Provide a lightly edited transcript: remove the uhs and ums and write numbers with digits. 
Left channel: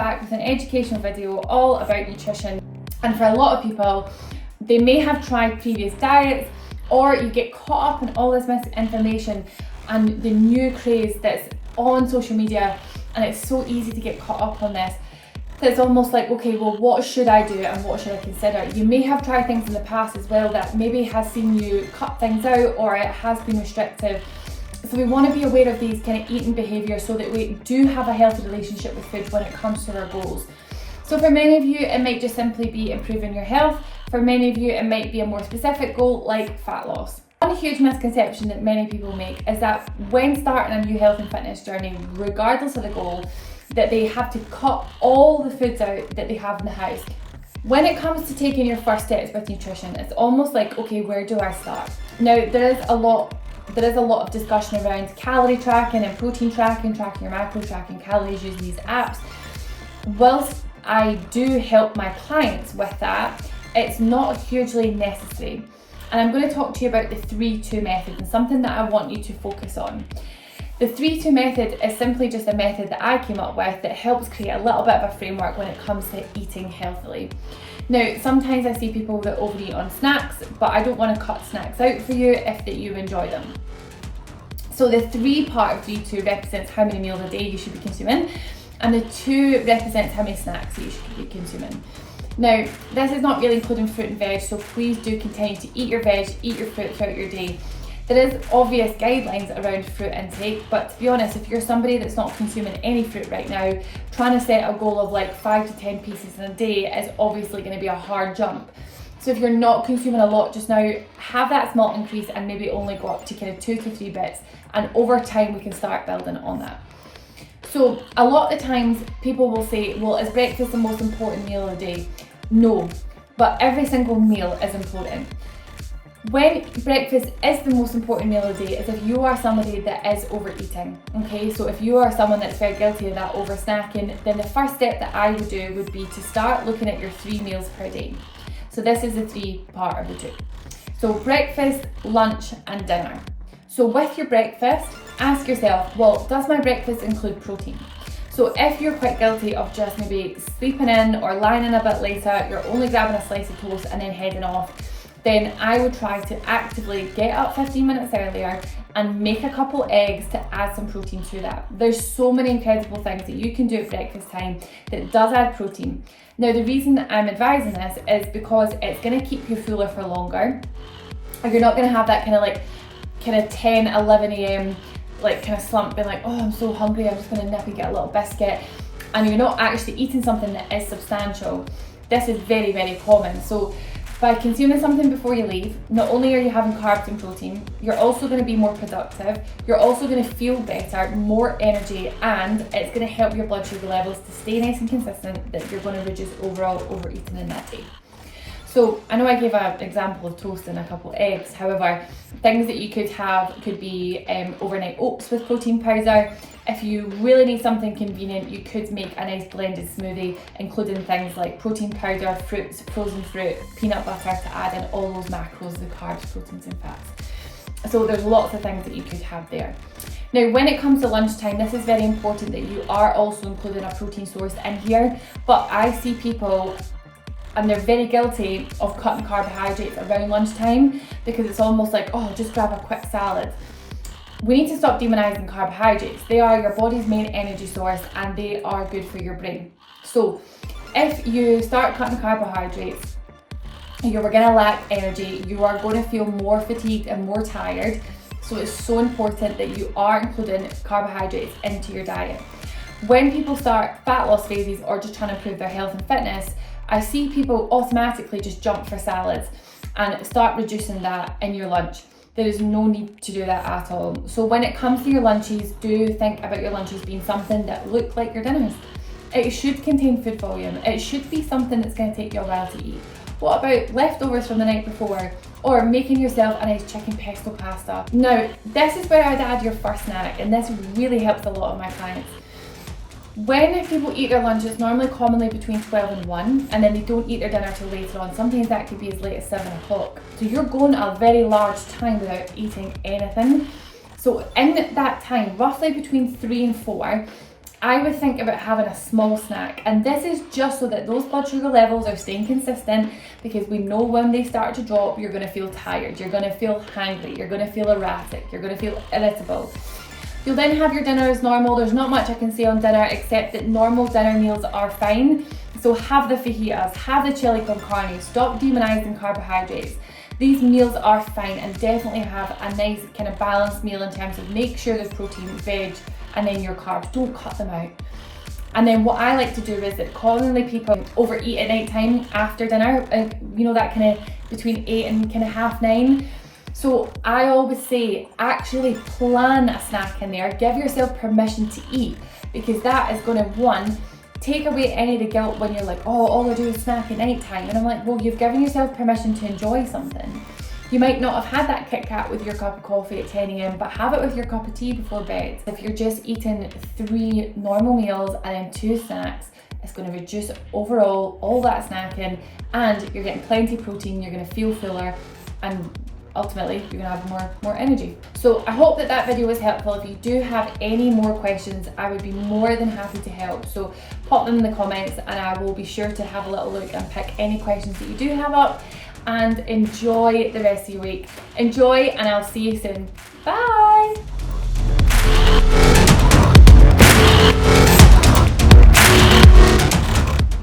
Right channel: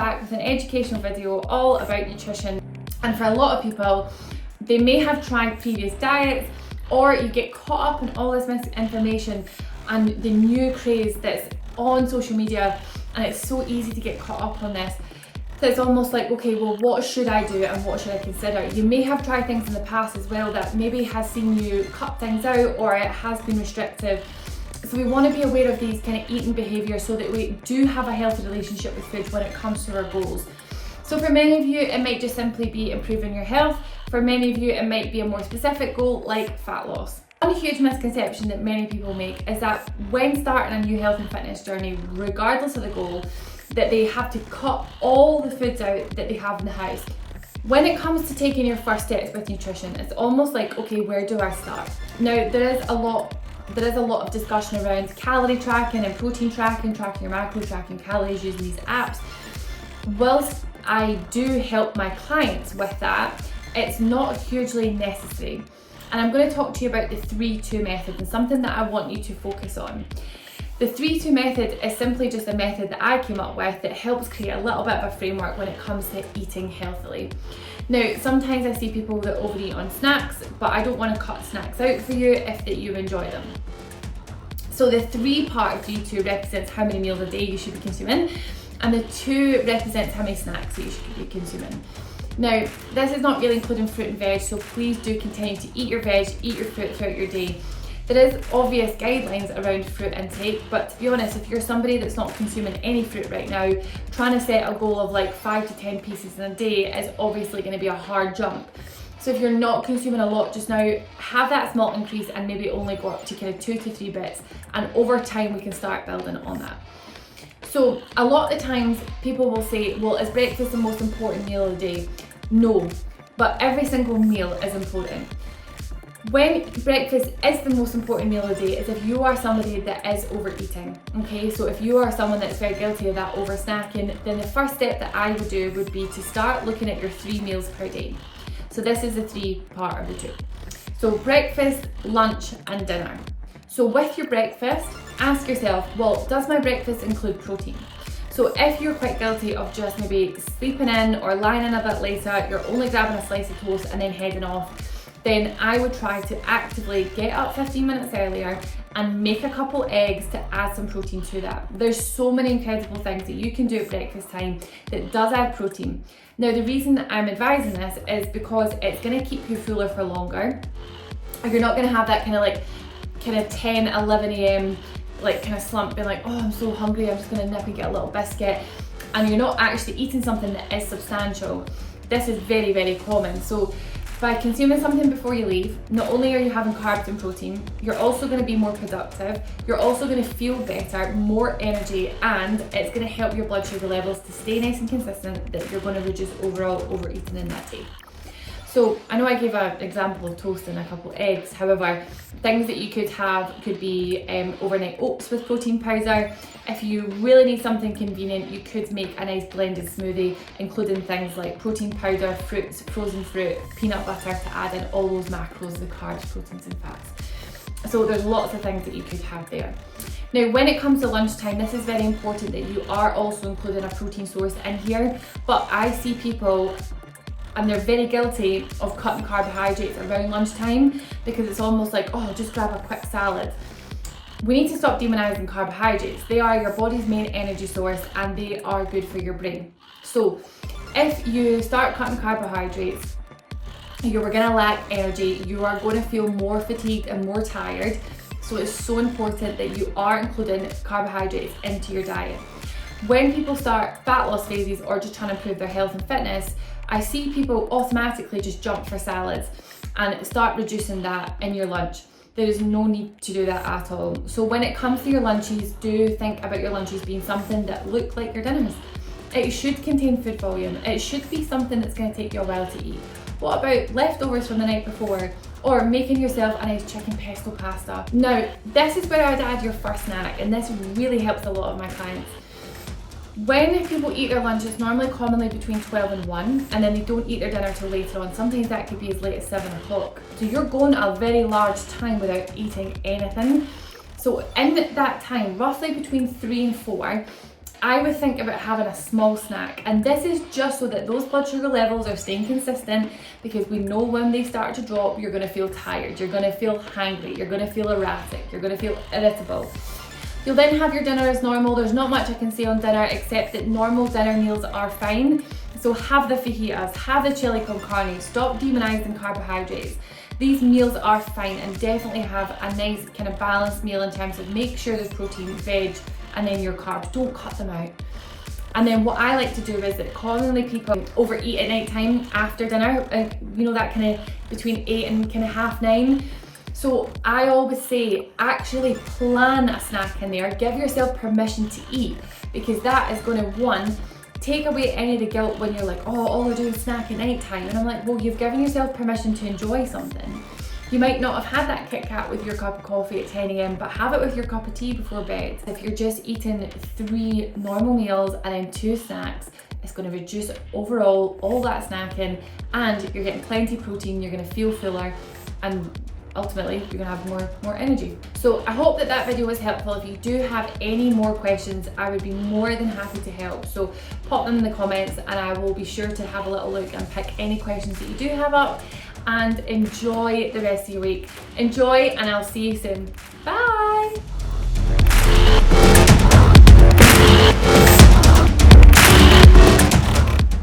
back with an educational video all about nutrition. And for a lot of people, they may have tried previous diets, or you get caught up in all this misinformation and the new craze that's on social media, and it's so easy to get caught up on this. So it's almost like, okay, well, what should I do and what should I consider? You may have tried things in the past as well that maybe has seen you cut things out, or it has been restrictive. So we want to be aware of these kind of eating behaviours so that we do have a healthy relationship with food when it comes to our goals. So for many of you, it might just simply be improving your health. For many of you, it might be a more specific goal like fat loss. One huge misconception that many people make is that when starting a new health and fitness journey, regardless of the goal, that they have to cut all the foods out that they have in the house. When it comes to taking your first steps with nutrition, it's almost like, okay, where do I start? Now, there is a lot of discussion around calorie tracking and protein tracking, tracking your macro, tracking calories using these apps. Whilst I do help my clients with that, it's not hugely necessary. And I'm going to talk to you about the 3-2 method, and something that I want you to focus on. The 3-2 method is simply just a method that I came up with that helps create a little bit of a framework when it comes to eating healthily. Now, sometimes I see people that overeat on snacks, but I don't want to cut snacks out for you if that you enjoy them. So the 3 part of 3-2 represents how many meals a day you should be consuming, and the 2 represents how many snacks that you should be consuming. Now, this is not really including fruit and veg, so please do continue to eat your veg, eat your fruit throughout your day. There is obvious guidelines around fruit intake, but to be honest, if you're somebody that's not consuming any fruit right now, trying to set a goal of like 5 to 10 pieces in a day is obviously going to be a hard jump. So if you're not consuming a lot just now, have that small increase and maybe only go up to kind of 2 to 3 bits, and over time we can start building on that. So a lot of the times people will say, well, is breakfast the most important meal of the day? No, but every single meal is important. When breakfast is the most important meal of the day is if you are somebody that is overeating, okay? So if you are someone that's very guilty of that over snacking, then the first step that I would do would be to start looking at your 3 meals per day. So this is the 3 part of the 2. So breakfast, lunch and dinner. So with your breakfast, ask yourself, well, does my breakfast include protein? So if you're quite guilty of just maybe sleeping in or lying in a bit later, you're only grabbing a slice of toast and then heading off, then I would try to actively get up 15 minutes earlier and make a couple eggs to add some protein to that. There's so many incredible things that you can do at breakfast time that does add protein. Now, the reason that I'm advising this is because it's going to keep you fuller for longer. You're not going to have that kind of 10, 11 a.m. kind of slump being like, oh, I'm so hungry, I'm just going to nip and get a little biscuit. And you're not actually eating something that is substantial. This is very, very common. So by consuming something before you leave, not only are you having carbs and protein, you're also going to be more productive, you're also going to feel better, more energy, and it's going to help your blood sugar levels to stay nice and consistent, that you're going to reduce overall overeating in that day. So I know I gave an example of toast and a couple of eggs. However, things that you could have could be overnight oats with protein powder. If you really need something convenient, you could make a nice blended smoothie, including things like protein powder, fruits, frozen fruit, peanut butter to add in all those macros, the carbs, proteins and fats. So there's lots of things that you could have there. Now, when it comes to lunchtime, this is very important that you are also including a protein source in here, but I see people, and they're very guilty of cutting carbohydrates around lunchtime because it's almost like, oh, just grab a quick salad. We need to stop demonizing carbohydrates. They are your body's main energy source and they are good for your brain. So if you start cutting carbohydrates, you are going to lack energy, you are going to feel more fatigued and more tired. So it's so important that you are including carbohydrates into your diet. When people start fat loss phases or just trying to improve their health and fitness, I see people automatically just jump for salads and start reducing that in your lunch. There is no need to do that at all. So when it comes to your lunches, do think about your lunches being something that look like your dinners. It should contain food volume. It should be something that's going to take you a while to eat. What about leftovers from the night before? Or making yourself a nice chicken pesto pasta? Now, this is where I'd add your first snack, and this really helps a lot of my clients. When people eat their lunch, it's normally commonly between 12 and 1, and then they don't eat their dinner till later on. Sometimes that could be as late as 7 o'clock. So you're going a very large time without eating anything. So in that time, roughly between 3 and 4, I would think about having a small snack, and this is just so that those blood sugar levels are staying consistent, because we know when they start to drop, you're going to feel tired, you're going to feel hangry, you're going to feel erratic, you're going to feel irritable. You'll then have your dinner as normal. There's not much I can say on dinner except that normal dinner meals are fine. So have the fajitas, have the chili con carne, stop demonizing carbohydrates. These meals are fine, and definitely have a nice kind of balanced meal in terms of make sure there's protein, veg, and then your carbs. Don't cut them out. And then what I like to do is that commonly people overeat at night time after dinner, you know, that kind of between 8 and kind of half 9. So I always say, actually plan a snack in there, give yourself permission to eat, because that is going to, one, take away any of the guilt when you're like, oh, all I do is snack at night time. And I'm like, well, you've given yourself permission to enjoy something. You might not have had that Kit Kat with your cup of coffee at 10 a.m, but have it with your cup of tea before bed. If you're just eating 3 normal meals and then 2 snacks, it's going to reduce overall all that snacking, and you're getting plenty of protein, you're going to feel fuller, and ultimately you're going to have more energy. So I hope that video was helpful. If you do have any more questions, I would be more than happy to help. So pop them in the comments and I will be sure to have a little look and pick any questions that you do have up. And enjoy the rest of your week. Enjoy, and I'll see you soon. Bye.